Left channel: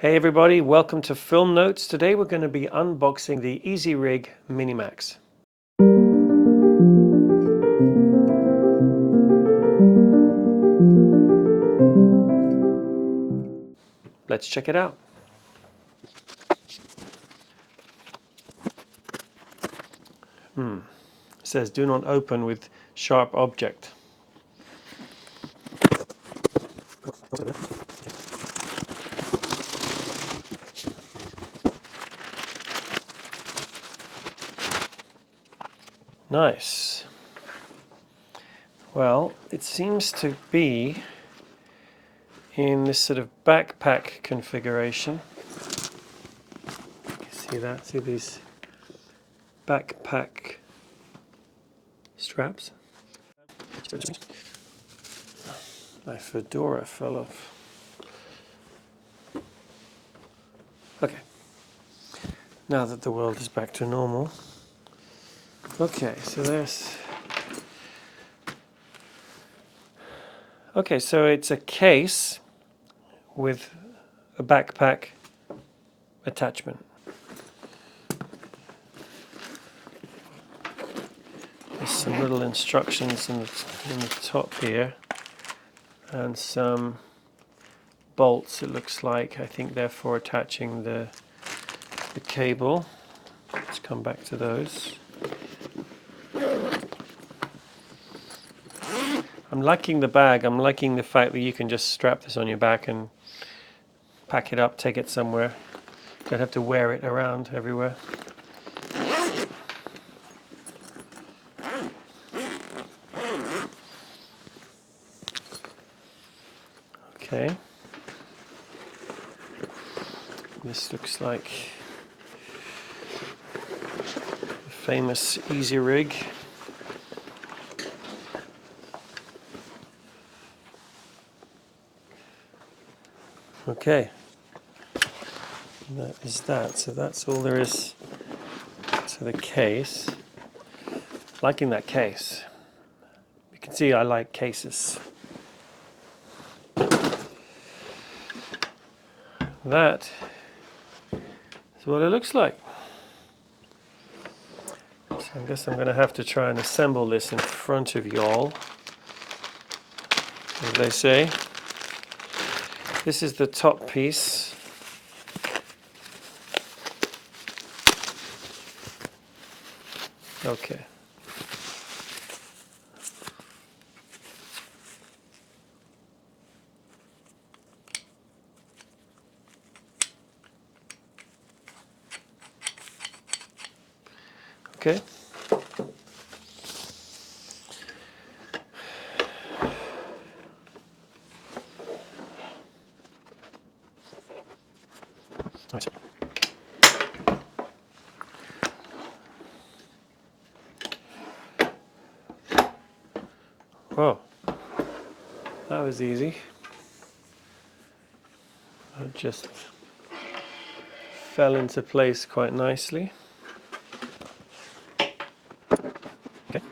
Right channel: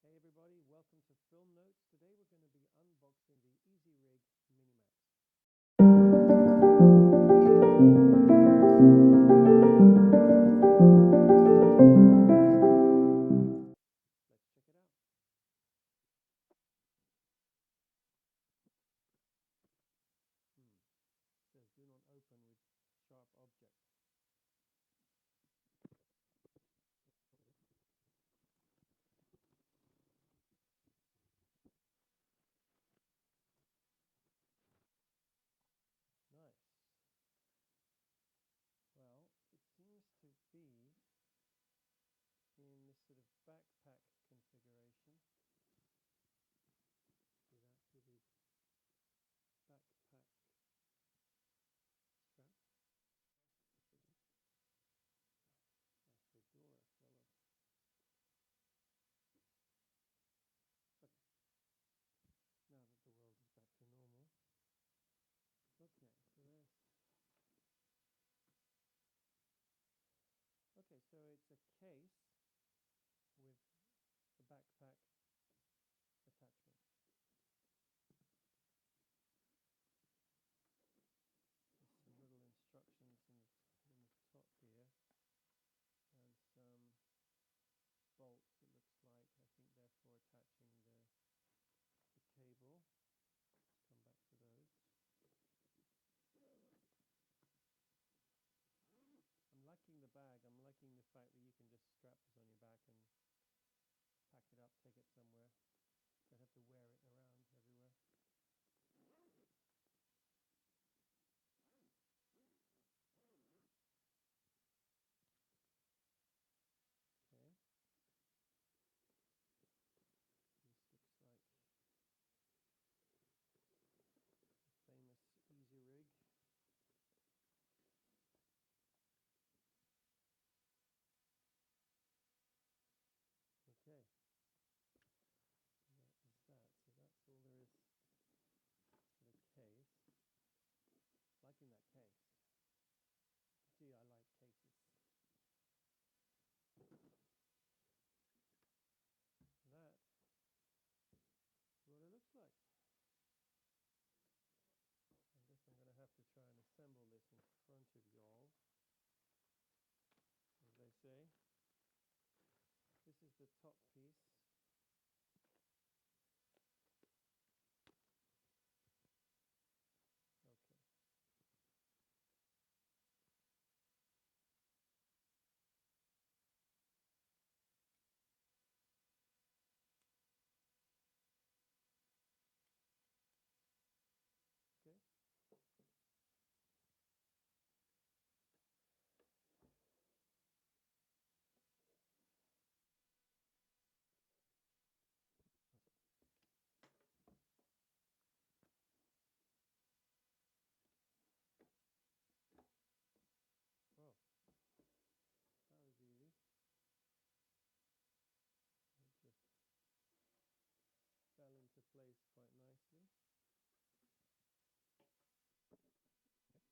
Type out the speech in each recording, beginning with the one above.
Hey everybody, welcome to Film Notes. Today we're going to be unboxing the EasyRig Minimax. Let's check it out. It says do not open with sharp object. Nice. Well, it seems to be in this sort of backpack configuration. You see that? See these backpack straps? My fedora fell off. Okay. Now that the world is back to normal. Okay, so there's... Okay, so it's a case with a backpack attachment. There's some little instructions in the top here and some bolts, it looks like. I think they're for attaching the cable. Let's come back to those. I'm liking the bag. I'm liking the fact that you can just strap this on your back and pack it up, take it somewhere. Don't have to wear it around everywhere. Okay. This looks like the famous EasyRig. Okay. That is that. So that's all there is to the case. Liking that case. You can see I like cases. That is what it looks like. So I guess I'm going to have to try and assemble this in front of y'all, as they say. This is the top piece. Okay. Okay. Nice. Whoa. That was easy. It just fell into place quite nicely. Okay.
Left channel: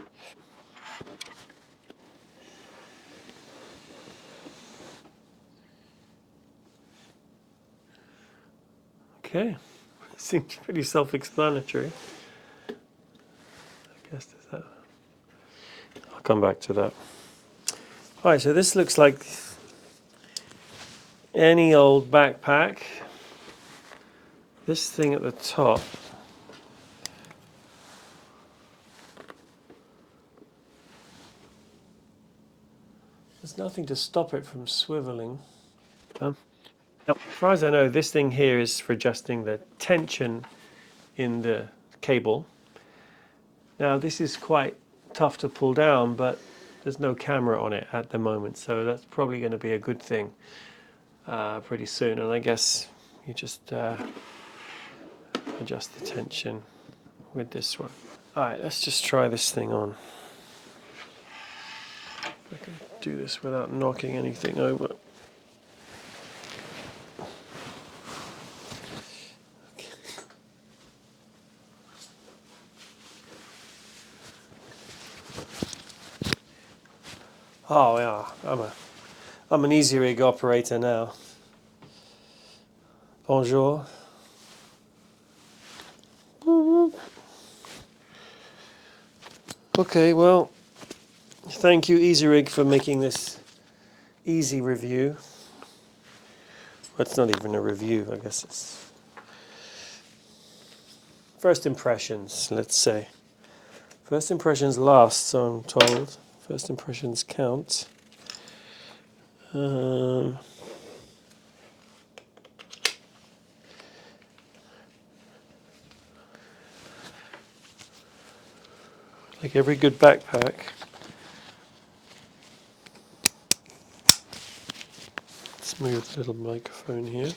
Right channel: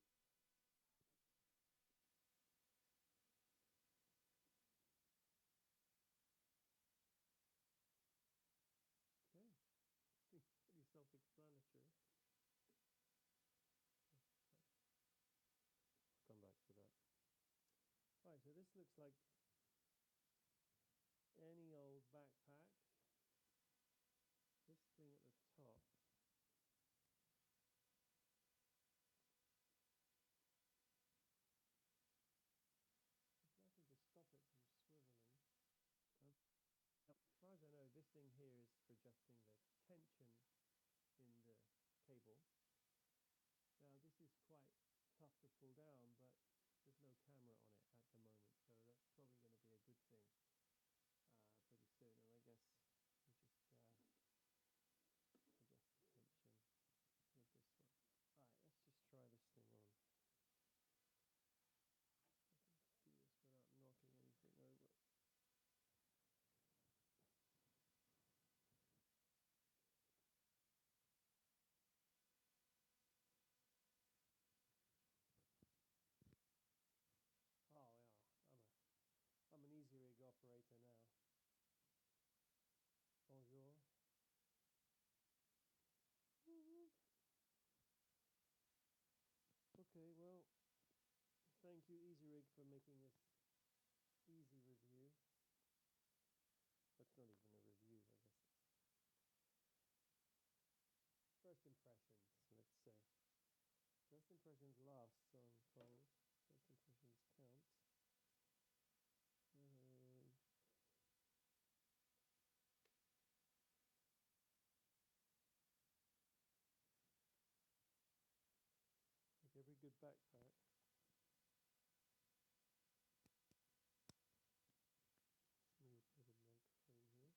Okay. Seems pretty self-explanatory. I guess that. I'll come back to that. All right, so this looks like any old backpack. This thing at the top there's nothing to stop it from swiveling. Now, as far as I know, this thing here is for adjusting the tension in the cable. Now, this is quite tough to pull down, but there's no camera on it at the moment, so that's probably going to be a good thing pretty soon. And I guess you just adjust the tension with this one. All right, let's just try this thing on. I can do this without knocking anything over. Oh yeah, I'm an EasyRig operator now. Bonjour. Okay, well, thank you EasyRig for making this easy review. Well, it's not even a review, I guess it's first impressions, let's say. First impressions last, so I'm told. First impressions count. Um, like every good backpack. Let's move the little microphone here.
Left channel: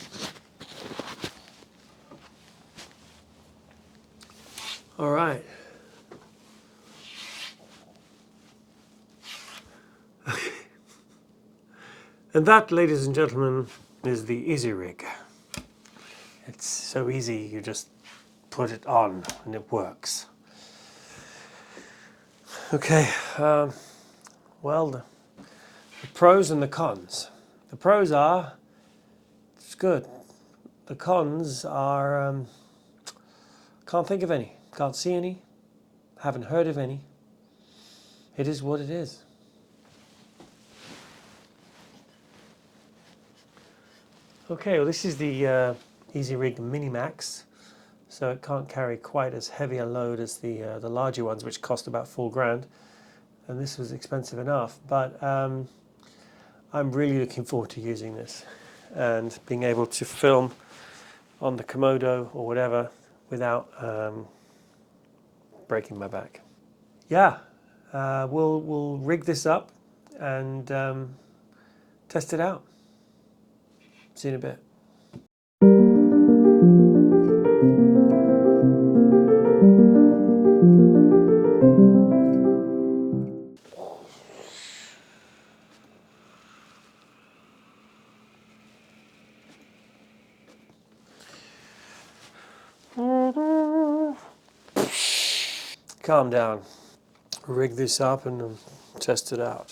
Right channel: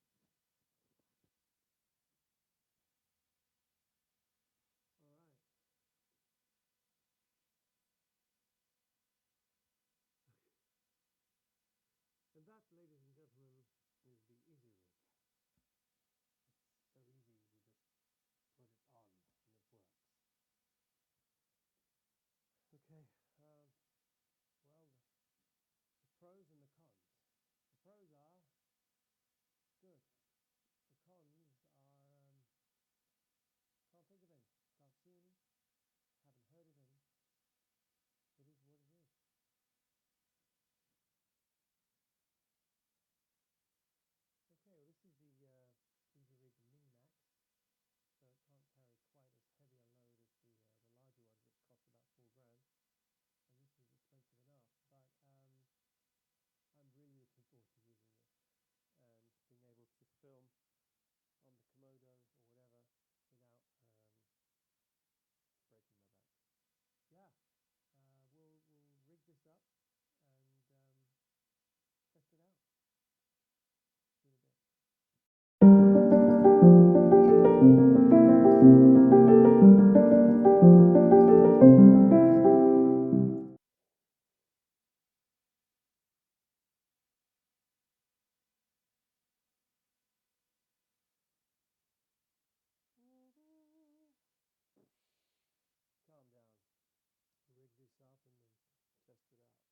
All right. And that, ladies and gentlemen, is the EasyRig. It's so easy, you just put it on and it works. Okay, well, the pros and the cons. The pros are, it's good. The cons are, can't think of any, can't see any, haven't heard of any. It is what it is. Okay, well this is the EasyRig Minimax, so it can't carry quite as heavy a load as the larger ones, which cost about $4,000, and this was expensive enough. But I'm really looking forward to using this and being able to film on the Komodo or whatever without breaking my back. Yeah, we'll rig this up and test it out. See you in a bit. Calm down. Rig this up and test it out.